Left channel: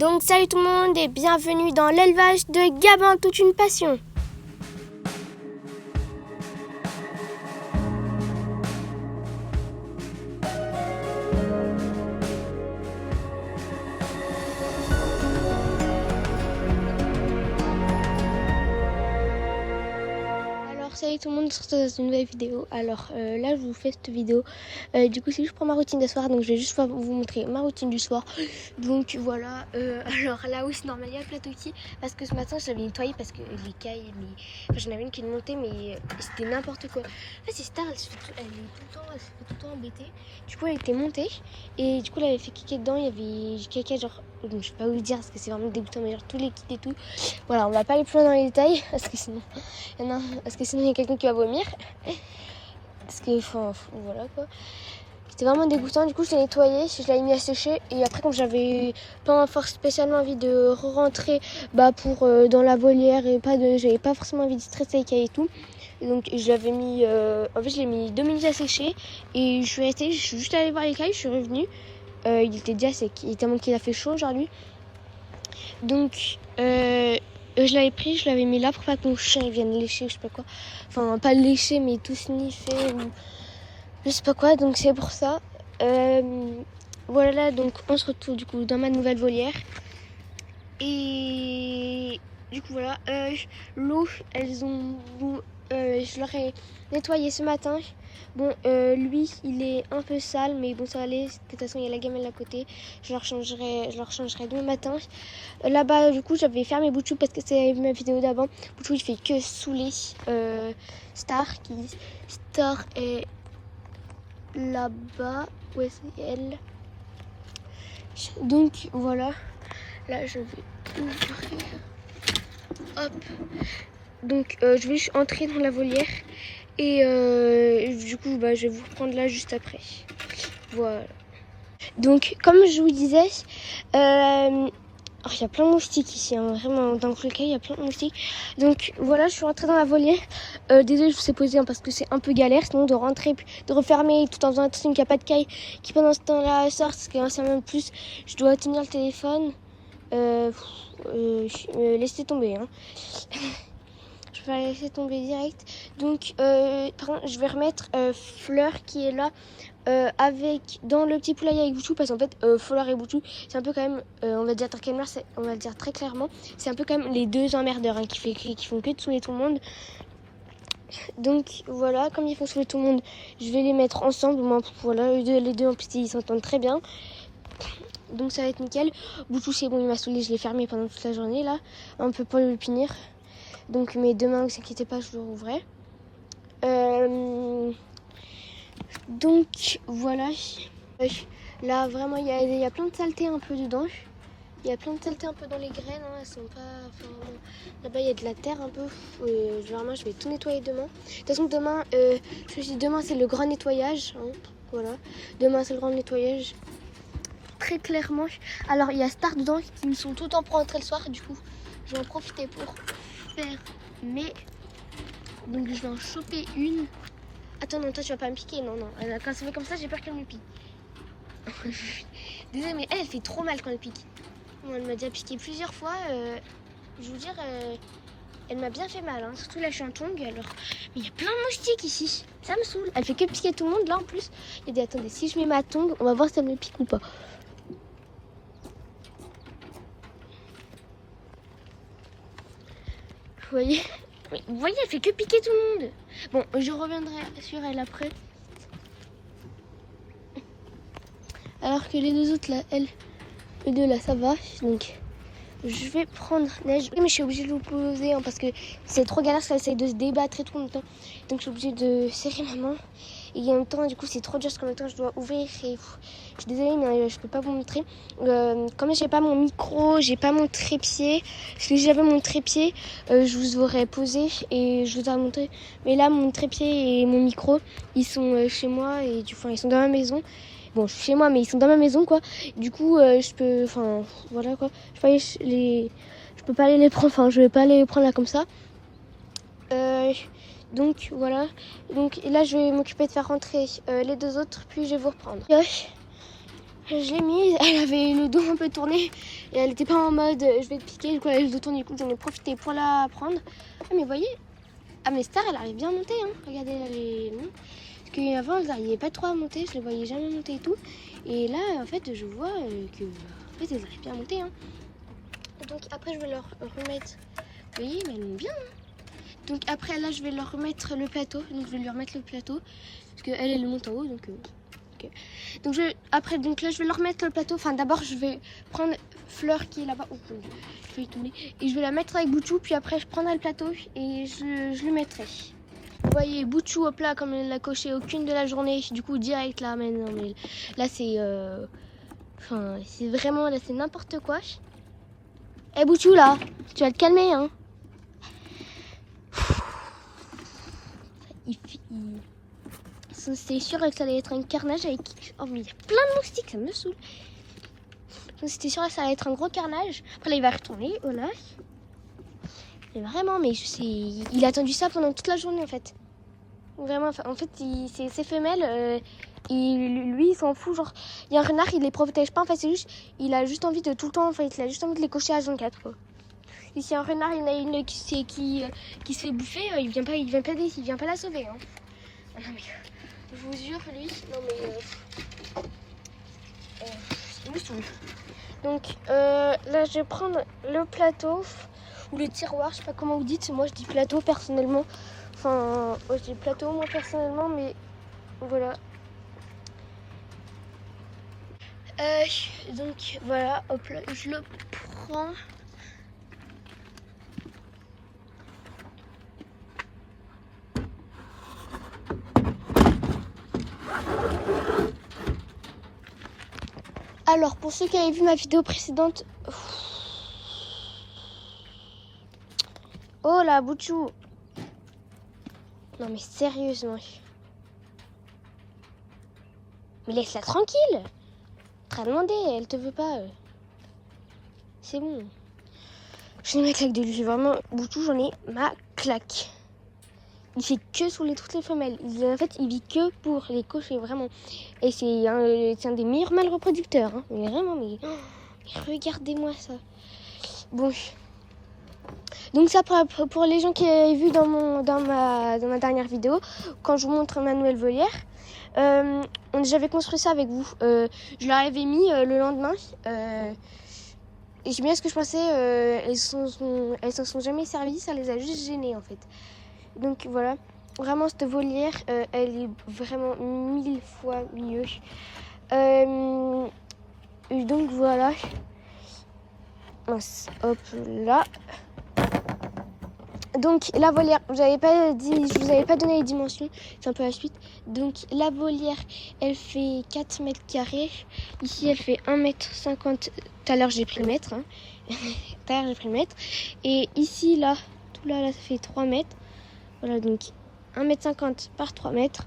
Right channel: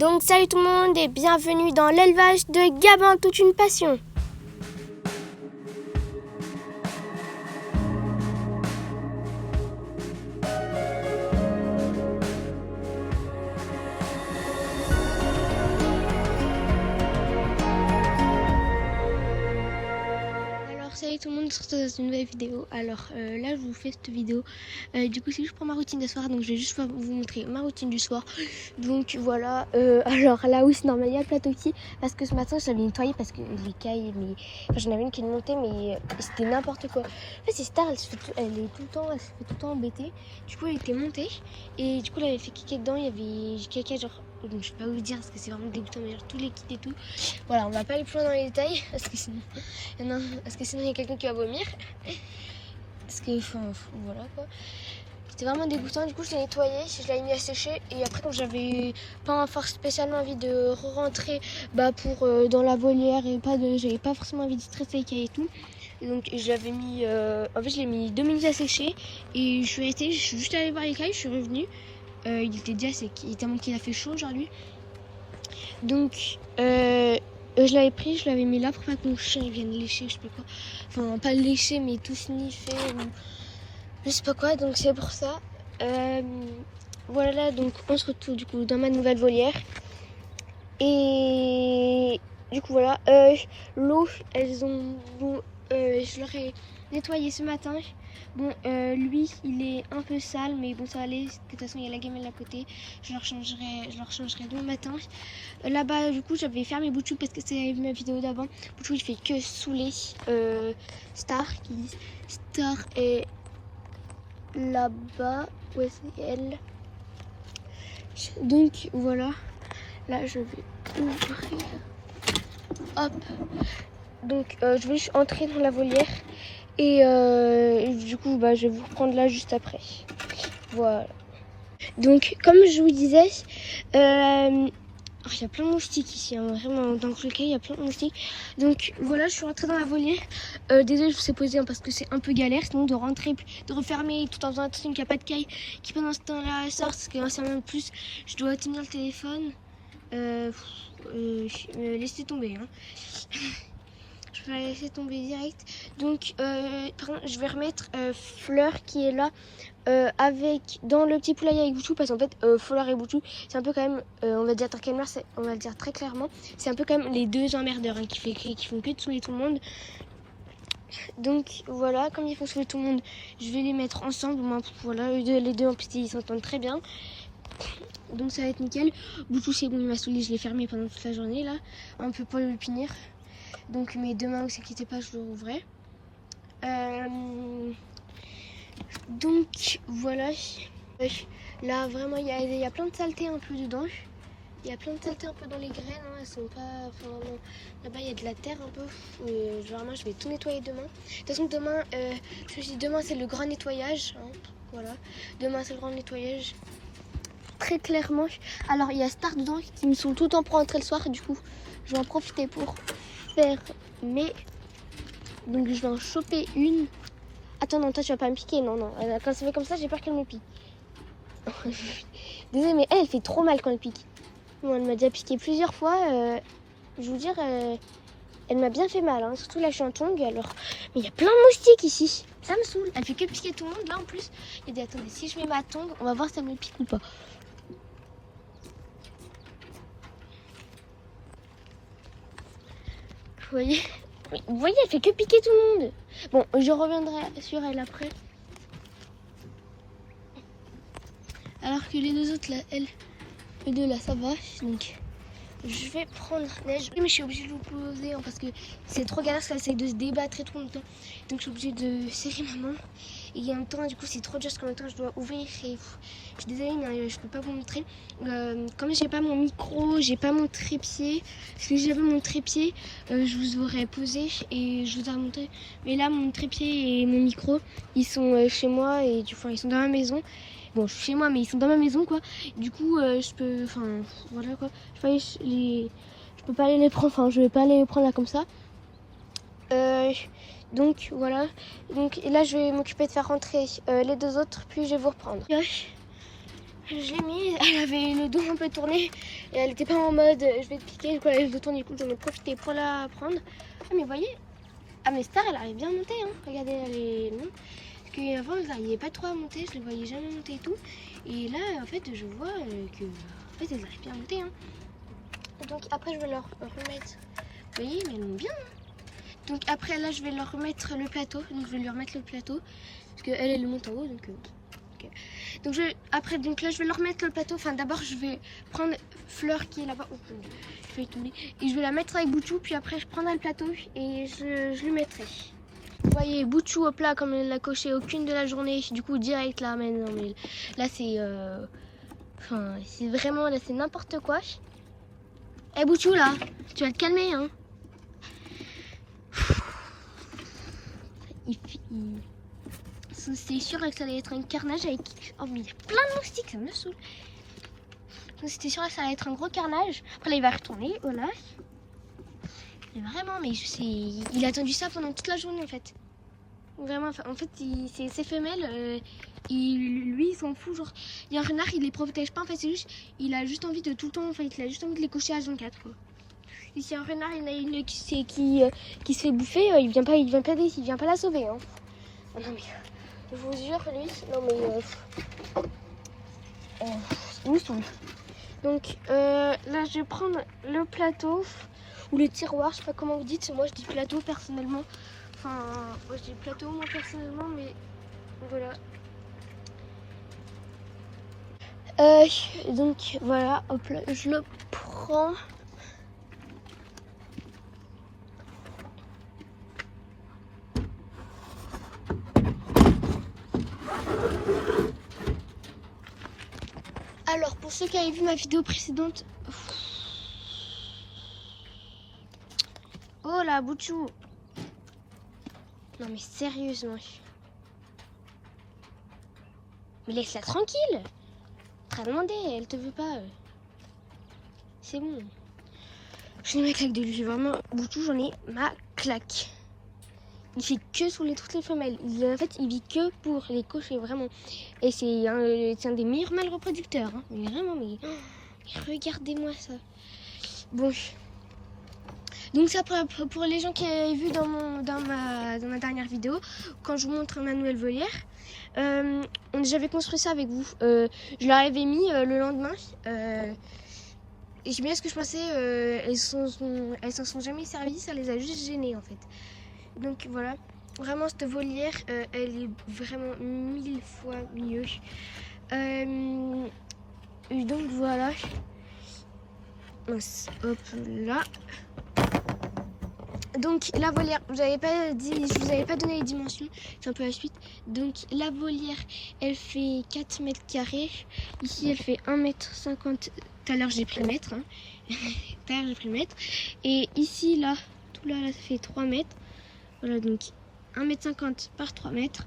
Donc salut tout le monde et bienvenue dans l'élevage de Gabin, toute une passion. Salut tout le monde, on se retrouve dans une nouvelle vidéo. Alors là je vous fais cette vidéo, du coup c'est juste pour ma routine de soir, donc je vais juste vous montrer ma routine du soir. Donc voilà, alors là oui c'est normal, il y a le plateau qui, parce que ce matin j'avais nettoyé parce que les cailles, enfin, j'en avais une qui montait mais c'était n'importe quoi. En fait c'est Star, elle se fait tout le temps embêtée. Du coup elle était montée et du coup elle avait fait caca dedans, il y avait caca genre, je ne sais pas vous dire parce que c'est vraiment dégoûtant, mais genre tous les kits et tout. Voilà, on va pas aller plus loin dans les détails parce que sinon il y a quelqu'un qui va vomir. Parce que voilà quoi. C'était vraiment dégoûtant. Du coup je l'ai nettoyé, je l'ai mis à sécher. Et après comme j'avais pas spécialement envie de rentrer pour dans la volière et j'avais pas forcément envie de stresser les cailles et tout. Donc je l'avais mis en fait je l'ai mis 2 minutes à sécher. Et je suis juste allée voir les cailles, je suis revenue. Il était déjà sec, tellement qu'il a fait chaud aujourd'hui. Donc je l'avais pris, je l'avais mis là pour pas que mon chien il vienne lécher, je sais pas quoi. Enfin, pas lécher, mais tout sniffer, je sais pas quoi. Donc c'est pour ça. Voilà, donc on se retrouve du coup dans ma nouvelle volière. Et du coup voilà, l'eau, je leur ai nettoyé ce matin. Bon, lui, il est un peu sale, mais bon, ça va aller. De toute façon, il y a la gamelle à côté. Je leur changerai demain matin. Là-bas, du coup, j'avais fermé Bouchou parce que c'est ma vidéo d'avant. Bouchou, il fait que saouler Star. Star est là-bas. Ouais, c'est elle. Donc, voilà. Là, je vais ouvrir. Hop. Donc, je vais entrer dans la volière. Et du coup, je vais vous reprendre là juste après. Voilà. Donc, comme je vous disais, il y a plein de moustiques ici. Hein, vraiment, dans le croquet, il y a plein de moustiques. Donc, voilà, je suis rentrée dans la volière. Désolée, je vous ai posé parce que c'est un peu galère. Sinon, de rentrer, de refermer tout en faisant attention qu'il n'y a pas de caille qui pendant ce temps-là sort. Parce que c'est même plus, je dois tenir le téléphone. Laissez tomber. Hein. Je vais laisser tomber direct. Donc, je vais remettre Fleur qui est là dans le petit poulailler avec Bouchou. Parce qu'en fait, Fleur et Bouchou, c'est un peu quand même, on va dire on va le dire très clairement, c'est un peu quand même les deux emmerdeurs hein, qui font que de saouler tout le monde. Donc voilà, comme ils font saouler tout le monde, je vais les mettre ensemble. Moi, voilà, les deux en plus ils s'entendent très bien. Donc ça va être nickel. Bouchou c'est bon, il m'a saoulé, je l'ai fermé pendant toute la journée là. On peut pas le punir. Donc, mais demain, ne vous inquiétez pas, je le rouvrai. Donc, voilà. Là, vraiment, il y a plein de saletés un peu dedans. Il y a plein de saletés un peu dans les graines. Hein. Elles sont pas... Enfin, là-bas, il y a de la terre un peu. Vraiment, je vais tout nettoyer demain. De toute façon, demain, demain c'est le grand nettoyage. Hein. Voilà. Demain, c'est le grand nettoyage. Très clairement. Alors, il y a Star dedans qui me sont tout le temps pour rentrer le soir. Et du coup, je vais en profiter pour faire donc je vais en choper une. Attends, non, toi tu vas pas me piquer. Non, quand ça fait comme ça, j'ai peur qu'elle me pique. Désolée, mais elle fait trop mal quand elle pique. Bon, elle m'a déjà piqué plusieurs fois. Je veux dire, elle m'a bien fait mal. Hein. Surtout là, je suis en tongue. Alors, mais il y a plein de moustiques ici. Ça me saoule. Elle fait que piquer tout le monde là en plus. Et dit, attendez, si je mets ma tongue, on va voir si ça me pique ou pas. Vous voyez? Vous voyez, elle fait que piquer tout le monde. Bon, je reviendrai sur elle après. Alors que les deux autres là, les deux là, ça va. Donc, je vais prendre neige. Mais je suis obligée de vous poser hein, parce que c'est trop galère, ça essaye de se débattre et tout en même temps. Donc, je suis obligée de serrer ma main. Et en même temps, du coup, c'est trop dur parce qu'en même temps, je dois ouvrir. Et je suis désolée, mais je peux pas vous montrer. Comme j'ai pas mon micro, j'ai pas mon trépied. Parce que si j'avais mon trépied, je vous aurais posé et je vous aurais montré. Mais là, mon trépied et mon micro, ils sont chez moi et ils sont dans ma maison. Bon, je suis chez moi, mais ils sont dans ma maison, quoi. Du coup, je peux, enfin, voilà, quoi. Je peux pas aller les prendre. Enfin, je vais pas aller les prendre là comme ça. Donc voilà, donc là je vais m'occuper de faire rentrer les deux autres, puis je vais vous reprendre. Je l'ai mise, elle avait le dos un peu tourné, Et elle était pas en mode je vais te piquer, du coup elle se tourne, du coup j'en ai profité pour la prendre. Ah mais vous voyez, ah mais Star elle arrive bien à monter, hein. Regardez là les noms. Parce qu'avant elle n'arrivait pas trop à monter, je les voyais jamais monter et tout. Et là en fait je vois que en fait elles arrivent bien à monter, hein. Et donc après je vais leur remettre, vous voyez elles montent bien, hein. Donc après là je vais leur remettre le plateau, donc je vais lui remettre le plateau. Parce qu'elle elle monte en haut, donc okay. Donc après donc là je vais leur remettre le plateau. Enfin d'abord je vais prendre Fleur qui est là-bas. Et je vais la mettre avec Bouchou, puis après je prendrai le plateau et je lui mettrai. Vous voyez Bouchou au plat comme elle n'a coché aucune de la journée, du coup direct là, mais non mais là c'est enfin c'est vraiment là c'est n'importe quoi. Eh Bouchou là, tu vas te calmer hein. C'était sûr que ça allait être un carnage avec... Oh mais il y a plein de moustiques, ça me saoule. C'était sûr que ça allait être un gros carnage. Après là il va retourner, voilà. Mais vraiment, mais il a attendu ça pendant toute la journée en fait. Vraiment, en fait ces femelles, lui il s'en fout. Genre, il y a un renard, il les protège pas en fait, c'est juste, il a juste envie de tout le temps, en fait, il a juste envie de les cocher à 24 quoi. Ici un renard, il y en a une qui se fait bouffer, il vient pas la sauver hein. Ah non mais... Je vous jure, lui, non mais il me saoule. Donc là, je vais prendre le plateau ou le tiroir, je sais pas comment vous dites. Moi, je dis plateau personnellement. Enfin, moi, je dis plateau moi personnellement, mais voilà. Donc voilà, hop là, je le prends. Alors, pour ceux qui avaient vu ma vidéo précédente... Oh là, Bouchou. Non mais sérieusement. Mais laisse-la tranquille. T'as demandé, elle te veut pas. C'est bon. J'ai ma claque de lui. Vraiment, Bouchou, j'en ai ma claque. Il fait que sur toutes les femelles. En fait, il vit que pour les cocher, vraiment. Et c'est un des meilleurs mâles reproducteurs. Hein. Mais vraiment, mais regardez-moi ça. Bon. Donc ça pour les gens qui avaient vu dans ma dernière vidéo, quand je vous montre ma nouvelle volière, j'avais construit ça avec vous. Je leur avais mis le lendemain. Et c'est bien ce que je pensais, elles se sont jamais servies, ça les a juste gênées en fait. Donc voilà, vraiment cette volière, elle est vraiment 1000 fois mieux. Et donc voilà. Hop là. Donc la volière, je vous avais pas donné les dimensions, c'est un peu la suite. Donc la volière, elle fait 4 mètres carrés. Ici elle fait 1,50 m. Tout à l'heure j'ai pris mètre. Hein. Tout à l'heure j'ai pris mètre. Et ici là, tout là, ça fait 3 mètres. Voilà, donc 1,50 m par 3 mètres.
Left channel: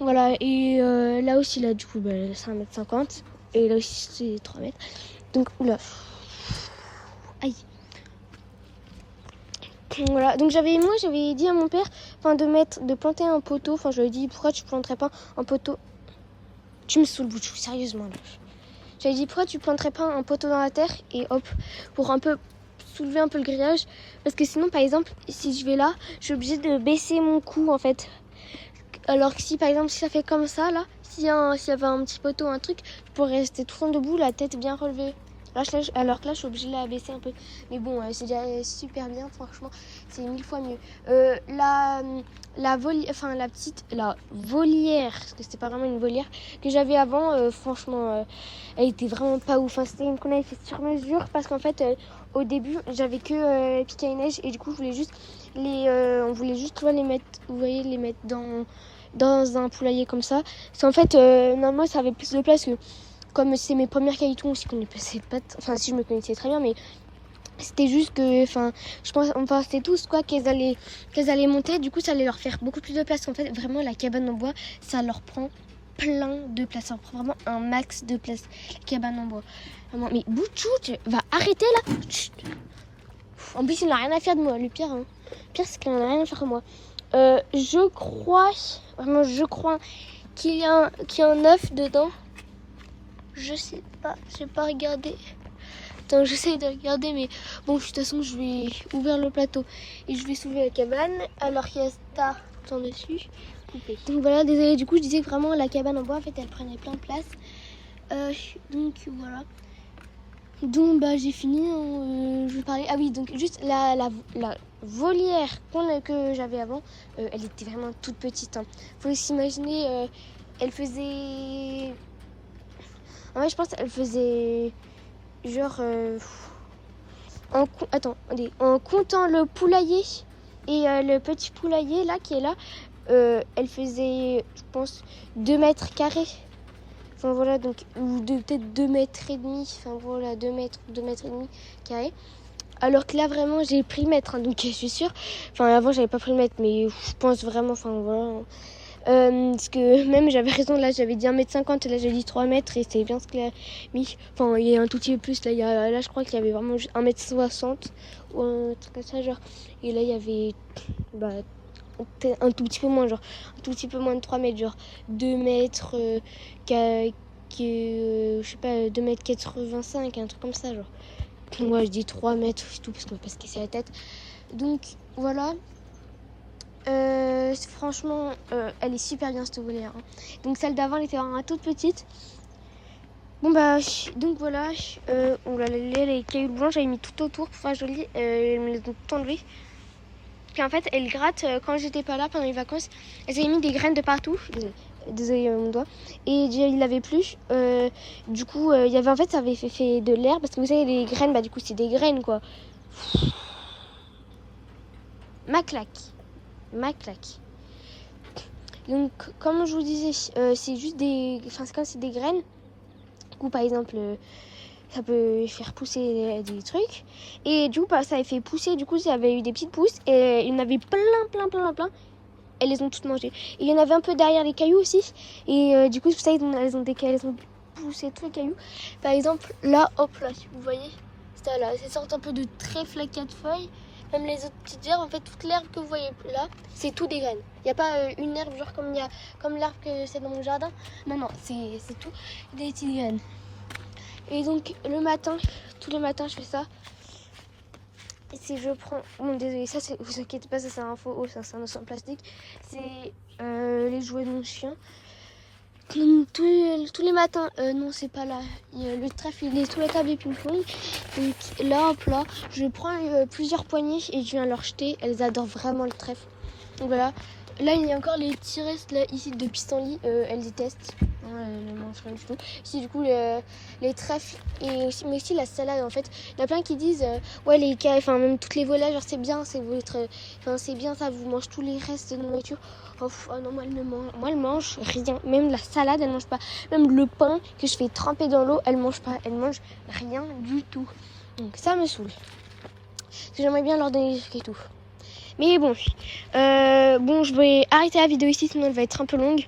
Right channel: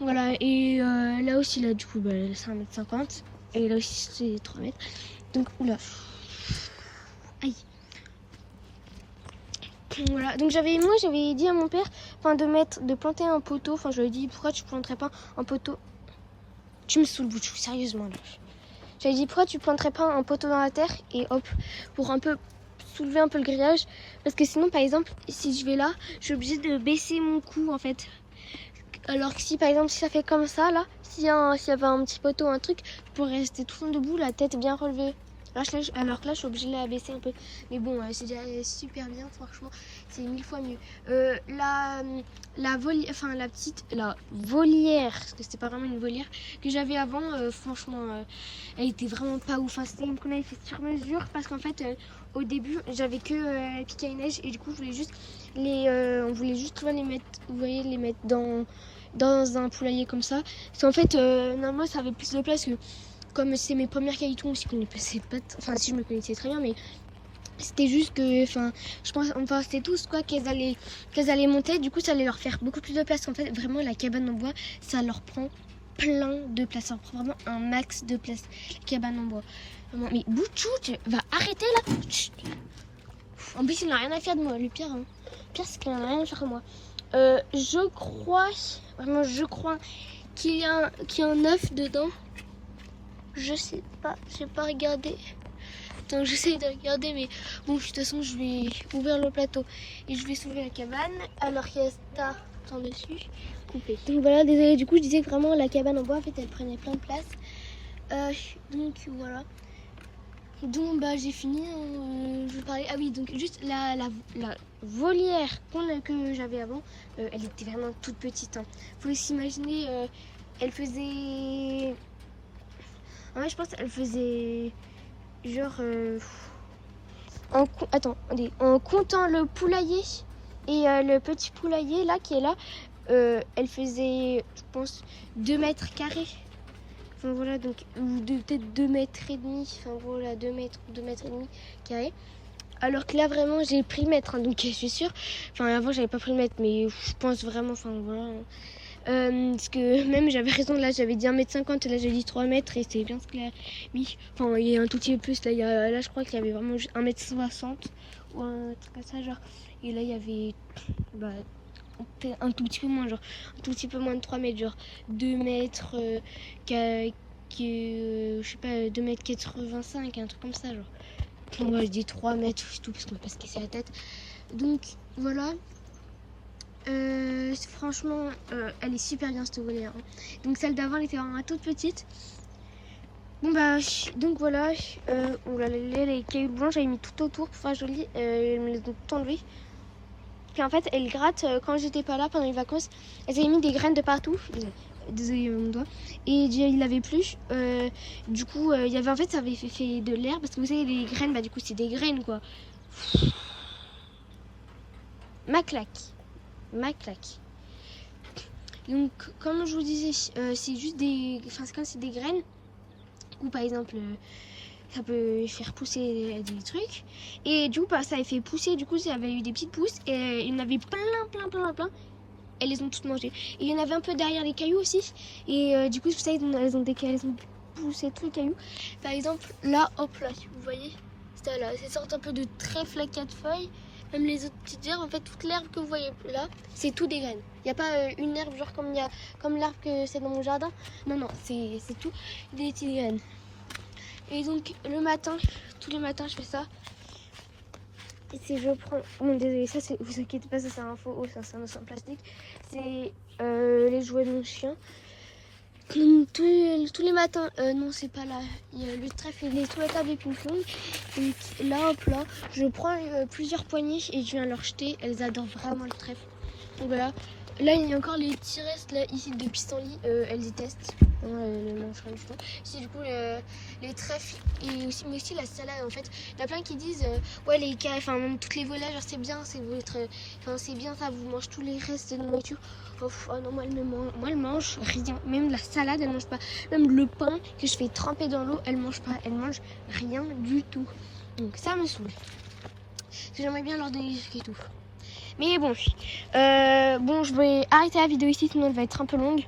Voilà, et là aussi là du coup bah, c'est 1,50 m. Et là aussi c'est 3 mètres. Donc oula. Aïe. Voilà, donc j'avais dit à mon père de planter un poteau. Enfin, je lui ai dit pourquoi tu planterais pas un poteau. Tu me saoules, Bouchou, sérieusement là. J'avais dit pourquoi tu planterais pas un poteau dans la terre et hop, pour un peu soulever un peu le grillage. Parce que sinon, par exemple, si je vais là, je suis obligée de baisser mon cou en fait. Alors que si par exemple, si ça fait comme ça là, s'il y avait un petit poteau, un truc, je pourrais rester tout le temps debout, la tête bien relevée. Alors que là, je suis obligée de la baisser un peu. Mais bon, c'est déjà super bien, franchement. C'est 1000 fois mieux. La volière, parce que c'était pas vraiment une volière, que j'avais avant, franchement, elle était vraiment pas ouf. Enfin, c'était une qu'on avait fait sur mesure, parce qu'en fait, au début, j'avais que piqué à neige, et du coup, on voulait juste les mettre, vous voyez, les mettre dans un poulailler comme ça. Parce qu'en fait, normalement, ça avait plus de place que... Comme c'est mes premières cailloutons aussi, si je me connaissais très bien, mais c'était juste que, on pensait tous quoi qu'elles allaient monter, du coup ça allait leur faire beaucoup plus de place. En fait, vraiment la cabane en bois, ça leur prend plein de place, ça leur prend vraiment un max de place, la cabane en bois. Vraiment. Mais Bouchou, tu vas arrêter là. Chut. En plus, il n'a rien à faire de moi, le pire. Hein. Le pire, c'est qu'il n'a rien à faire de moi. Je crois qu'il y a un œuf dedans. Je sais pas, j'ai pas regardé. Attends, j'essaie de regarder, mais bon, de toute façon, je vais ouvrir le plateau et je vais soulever la cabane. Alors qu'il y a Star sur dessus, coupé. Donc voilà, désolé, du coup, je disais que vraiment la cabane en bois, en fait, elle prenait plein de place. Donc voilà. Donc bah j'ai fini, je vais parler. Ah oui, donc juste la volière que j'avais avant, elle était vraiment toute petite. Hein. Faut s'imaginer, elle faisait... En fait, je pense qu'elle faisait genre... en comptant le poulailler et le petit poulailler là qui est là, elle faisait, je pense, 2 mètres carrés. Enfin voilà, donc peut-être 2 mètres et demi, enfin voilà, 2 mètres et demi carrés. Alors que là vraiment j'ai pris le mètre, hein, donc je suis sûre. Enfin avant j'avais pas pris le mètre, mais je pense vraiment, enfin voilà. Parce que même j'avais raison, là j'avais dit 1m50, là j'ai dit 3 mètres et c'est bien ce qu'il a mis. Enfin il y a un tout petit peu plus, là je crois qu'il y avait vraiment 1m60 ou un truc comme ça genre. Et là il y avait un tout petit peu moins, genre un tout petit peu moins de 3 mètres, genre 2 mètres, je sais pas, 2m85, un truc comme ça, genre. Moi, je dis 3 mètres, c'est tout, parce qu'on va pas se casser la tête. Donc, voilà. Franchement, elle est super bien, cette volière. Hein. Donc, celle d'avant, elle était vraiment toute petite. Bon, bah, donc voilà. Les cailloux blancs, j'avais mis tout autour pour faire joli. Elles me les ont tout enlevées. Puis en fait, elle gratte quand j'étais pas là pendant les vacances. Elles avaient mis des graines de partout. Désolé mon doigt. Et il n'avait plus. Du coup, il y avait en fait, ça avait fait de l'herbe parce que vous savez les graines, bah du coup c'est des graines quoi. Ma claque. Donc comme je vous disais, c'est juste des, enfin c'est comme c'est des graines. Du coup par exemple, ça peut faire pousser des trucs. Et du coup bah, ça avait fait pousser. Du coup ça avait eu des petites pousses et il y en avait plein. Elles les ont toutes mangées. Il y en avait un peu derrière les cailloux aussi. Et du coup, ça, elles ont poussé tous les cailloux. Par exemple, là, hop là, vous voyez, ça là, c'est sorte un peu de trèfle à 4 feuilles. Même les autres petites herbes, en fait, toute l'herbe que vous voyez là, c'est tout des graines. Il n'y a pas une herbe genre comme l'herbe que c'est dans mon jardin. Non, c'est tout des petites graines. Et donc, le matin, tous les matins, je fais ça. Et si je prends... Bon, désolé, ça, vous inquiétez pas, ça c'est un faux... Oh, ça c'est un os en plastique. C'est les jouets de mon chien. Tous les matins... non, c'est pas là. Le trèfle, il est sous la table et ping-pong. Donc là, hop là, je prends plusieurs poignées et je viens leur jeter. Elles adorent vraiment le trèfle. Donc voilà. Là, il y a encore les petits restes là, ici de pissenlit. Elles détestent. Non, elles ne mangent rien du tout. Ici, du coup, les trèfles et aussi, mais aussi la salade. En fait, il y a plein qui disent ouais, enfin, même toutes les volailles, c'est bien, c'est bien ça, vous mangez tous les restes de nourriture. Oh non, moi, elle mange rien. Même la salade, elle mange pas. Même le pain que je fais tremper dans l'eau, elle mange pas. Elle mange rien du tout. Donc ça me saoule. J'aimerais bien leur donner des trucs et tout. Mais bon, je vais arrêter la vidéo ici, sinon elle va être un peu longue.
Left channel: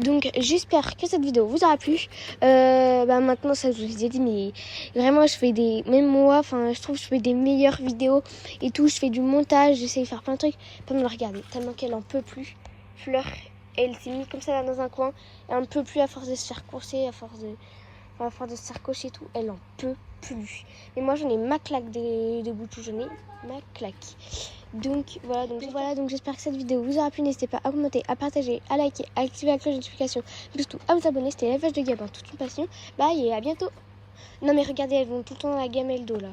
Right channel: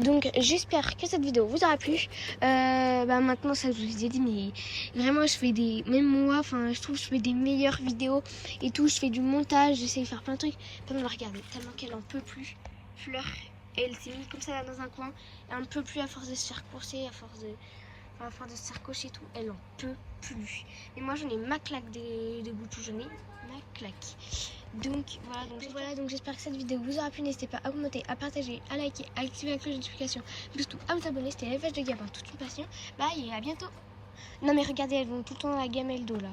Donc j'espère que cette vidéo vous aura plu. Maintenant, ça je vous ai dit, mais vraiment je fais même moi, enfin je trouve que je fais des meilleures vidéos et tout. Je fais du montage, j'essaie de faire plein de trucs. Comme regardez, tellement qu'elle en peut plus. Fleur, elle s'est mise comme ça là dans un coin. Elle en peut plus à force de se faire courser, à force de se faire cocher et tout. Elle en peut plus. Mais moi j'en ai ma claque de Boutou, j'en ai ma claque. Donc voilà, donc j'espère que cette vidéo vous aura plu. N'hésitez pas à commenter, à partager, à liker, à activer la cloche de notification, surtout à vous abonner. C'était la vache de Gabin, toute une passion. Bye et à bientôt. Non mais regardez, elles vont tout le temps dans la gamelle d'eau là.